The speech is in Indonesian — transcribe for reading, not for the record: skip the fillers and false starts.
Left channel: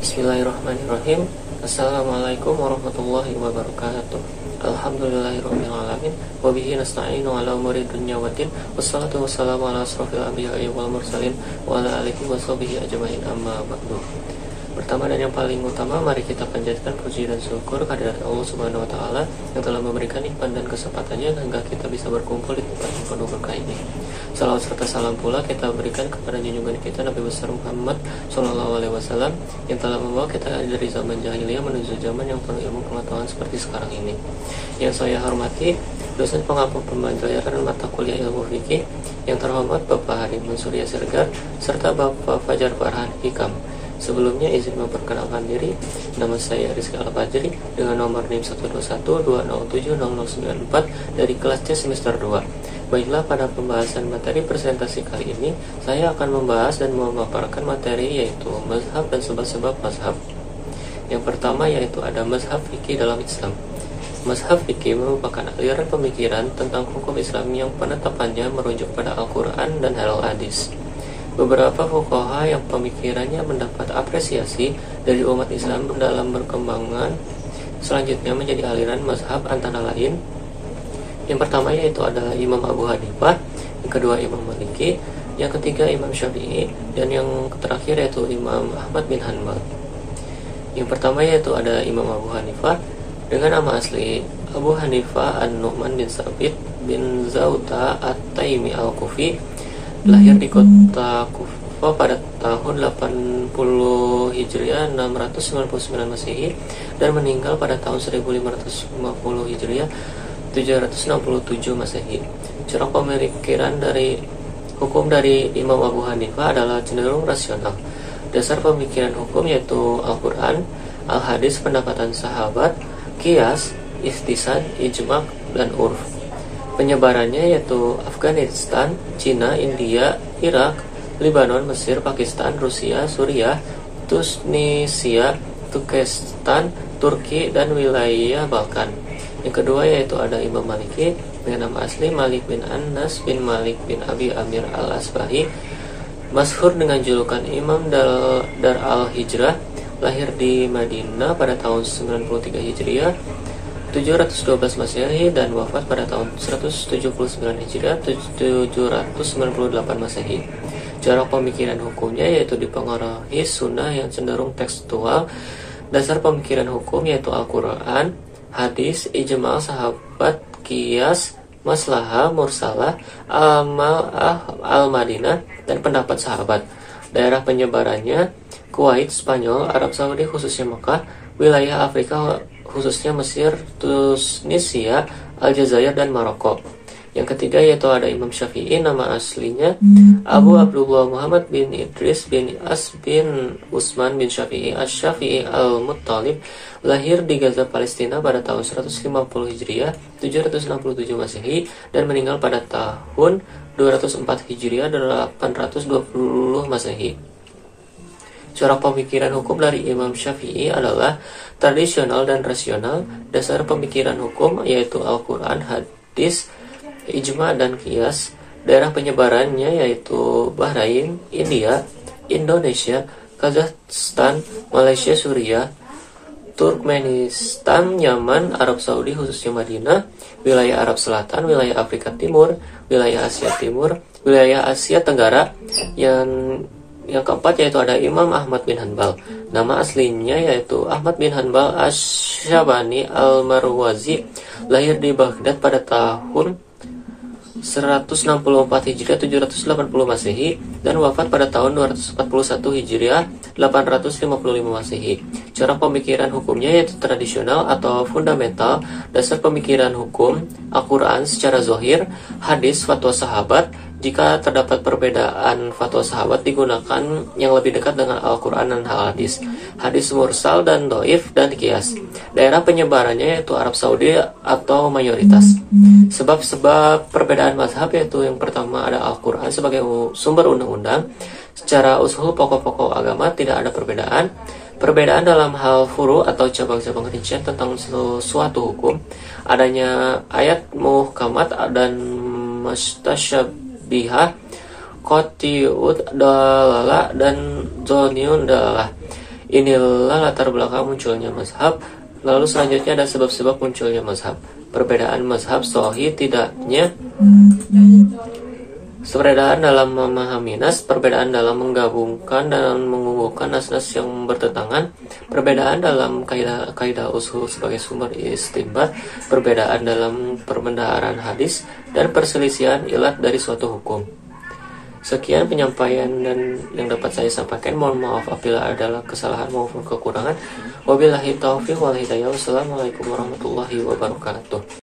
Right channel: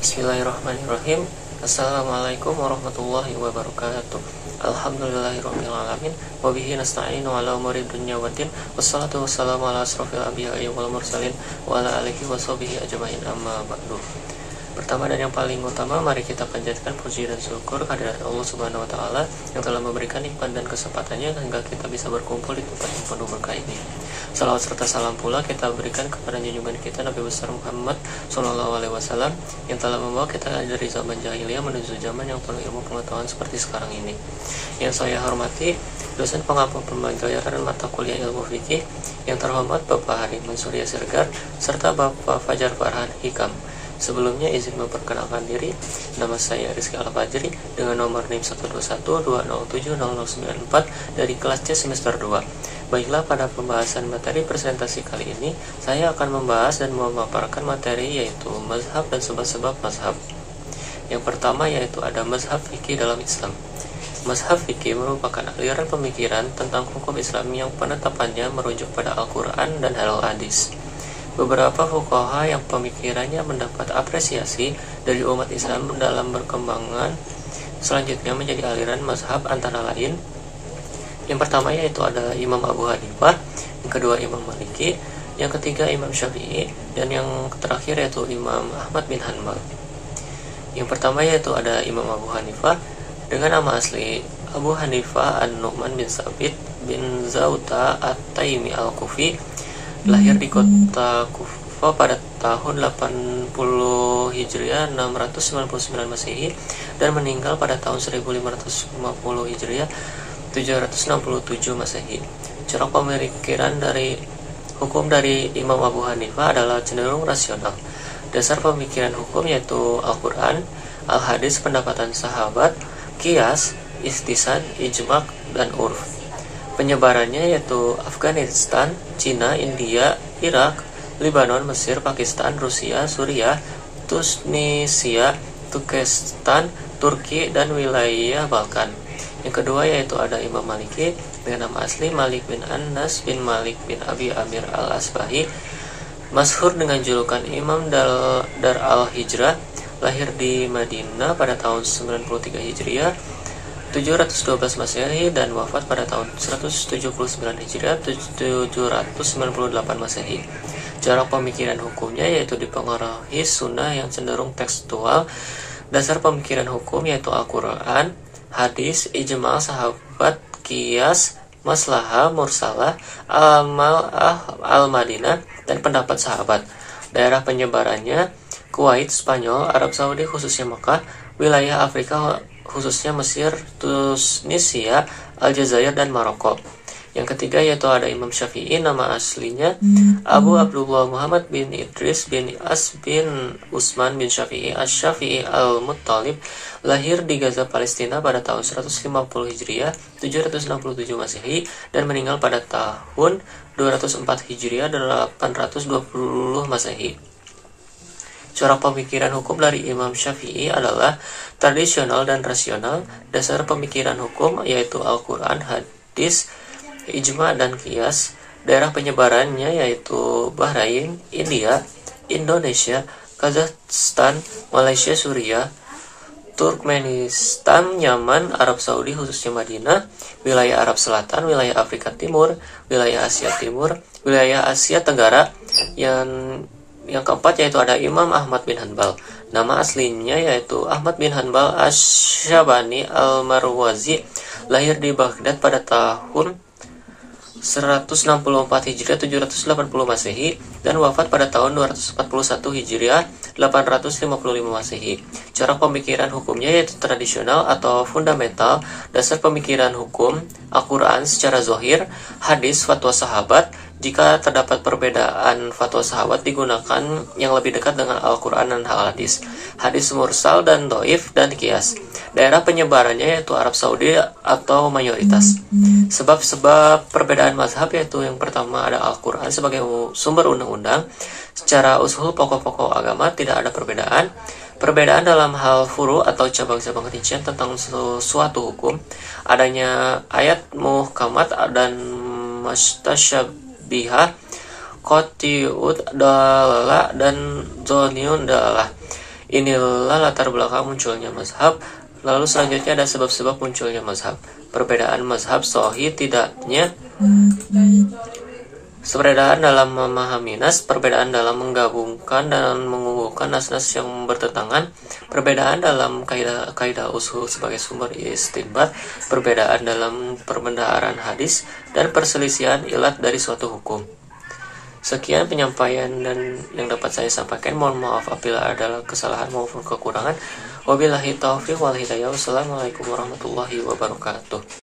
Bismillahirrahmanirrahim. Assalamualaikum warahmatullahi wabarakatuh. Alhamdulillahirabbil alamin wa bihi nasta'inu ala umuri dunya waddin. Wassalatu wassalamu ala asrofil anbiya'i wal mursalin wa ala alihi washabihi ajmain, amma ba'du. Pertama dan yang paling utama, mari kita panjatkan puji dan syukur kehadirat Allah Subhanahu wa taala yang telah memberikan nikmat dan kesempatannya hingga kita bisa berkumpul di tempat yang penuh berkah ini. Salawat serta salam pula kita berikan kepada junjungan kita Nabi besar Muhammad sallallahu alaihi wasallam yang telah membawa kita dari zaman jahiliyah menuju zaman yang penuh ilmu pengetahuan seperti sekarang ini. Yang saya hormati dosen pengampu pembelajaran mata kuliah ilmu fikih yang terhormat Bapak Harimun Surya Sirgar serta Bapak Fajar Farhan Hikam. Sebelumnya izin memperkenalkan diri, nama saya Rizky Al-Fajri dengan nomor NIM 12120070094 dari kelas C semester 2. Baiklah, pada pembahasan materi presentasi kali ini, saya akan membahas dan memaparkan materi yaitu mazhab dan sebab-sebab mazhab. Yang pertama yaitu ada mazhab fikih dalam Islam. Mazhab fikih merupakan aliran pemikiran tentang hukum Islam yang penetapannya merujuk pada Al-Quran dan Al-Hadis. Beberapa fuqaha yang pemikirannya mendapat apresiasi dari umat Islam dalam berkembangan selanjutnya menjadi aliran mazhab antara lain. Yang pertama yaitu adalah Imam Abu Hanifah, yang kedua Imam Maliki, yang ketiga Imam Syafi'i, dan yang terakhir yaitu Imam Ahmad bin Hanbal. Yang pertama yaitu ada Imam Abu Hanifah dengan nama asli Abu Hanifah An-Nu'man bin Sabit bin Zauta At-Taimi Al-Kufi, lahir di kota Kufa pada tahun 80 Hijriah 699 Masehi dan meninggal pada tahun 1550 Hijriah 767 Masehi. Cara pemikiran dari hukum dari Imam Abu Hanifah adalah cenderung rasional. Dasar pemikiran hukum yaitu Al-Quran, Al-Hadis, pendapatan sahabat, Qiyas, Istisad, Ijma' dan Urf. Penyebarannya yaitu Afghanistan, Cina, India, Irak, Lebanon, Mesir, Pakistan, Rusia, Suriah, Tunisia, Turkestan, Turki, dan wilayah Balkan. Yang kedua yaitu ada Imam Maliki dengan nama asli Malik bin Anas bin Malik bin Abi Amir al-Asbahi, masyhur dengan julukan Imam Dar al-Hijrah, lahir di Madinah pada tahun 93 Hijriah 712 Masehi dan wafat pada tahun 179 Hijriah 798 Masehi. Cara pemikiran hukumnya yaitu dipengaruhi sunnah yang cenderung tekstual. Dasar pemikiran hukum yaitu Al-Quran, hadis, ijma' sahabat, qiyas, maslahah, mursalah, amal al-Madinah, dan pendapat sahabat. Daerah penyebarannya Kuwait, Spanyol, Arab Saudi khususnya Mekah, wilayah Afrika khususnya Mesir, Tunisia, Aljazair, dan Maroko. Yang ketiga yaitu ada Imam Syafi'i, nama aslinya Abu Abdullah Muhammad bin Idris bin As bin Usman bin Syafi'i Asy-Syafi'i Al-Muttalib, lahir di Gaza, Palestina pada tahun 150 Hijriah 767 Masehi dan meninggal pada tahun 204 Hijriah 820 Masehi. Cara pemikiran hukum dari Imam Syafi'i adalah tradisional dan rasional. Dasar pemikiran hukum yaitu Al-Quran, hadis, ijma' dan qiyas. Daerah penyebarannya yaitu Bahrain, India, Indonesia, Kazakhstan, Malaysia, Suriah, Turkmenistan, Yaman, Arab Saudi khususnya Madinah, wilayah Arab Selatan, wilayah Afrika Timur, wilayah Asia Timur, wilayah Asia Tenggara. Yang keempat yaitu ada Imam Ahmad bin Hanbal. Nama aslinya yaitu Ahmad bin Hanbal Asy-Syabani Al-Marwazi, lahir di Baghdad pada tahun 164 Hijriah 780 Masehi dan wafat pada tahun 241 Hijriah 855 Masehi. Cara pemikiran hukumnya yaitu tradisional atau fundamental. Dasar pemikiran hukum Al-Quran secara zahir, hadis, fatwa sahabat. Jika terdapat perbedaan, fatwa sahabat digunakan yang lebih dekat dengan Al-Quran dan hadis. Hadis mursal dan doif dan qiyas. Daerah penyebarannya yaitu Arab Saudi atau mayoritas. Sebab-sebab perbedaan mazhab yaitu yang pertama ada Al-Quran sebagai sumber undang-undang. Secara usul pokok-pokok agama tidak ada perbedaan. Perbedaan dalam hal furu atau cabang-cabang rincian tentang suatu hukum. Adanya ayat muhkamat dan mustasyabihah, qati'ud dalalah, dan zoniun dalalah. Inilah latar belakang munculnya mazhab. Lalu selanjutnya ada sebab-sebab munculnya mazhab. Perbedaan mazhab sahih tidaknya, perbedaan dalam memahami nas, perbedaan dalam menggabungkan dan mengunggulkan nas-nas yang bertentangan, perbedaan dalam kaidah usul sebagai sumber istinbat, perbedaan dalam perbendaharaan hadis, dan perselisihan ilat dari suatu hukum. Sekian penyampaian dan yang dapat saya sampaikan. Mohon maaf apabila ada kesalahan maupun kekurangan. Wabillahi taufiq wal hidayah. Wassalamualaikum warahmatullahi wabarakatuh.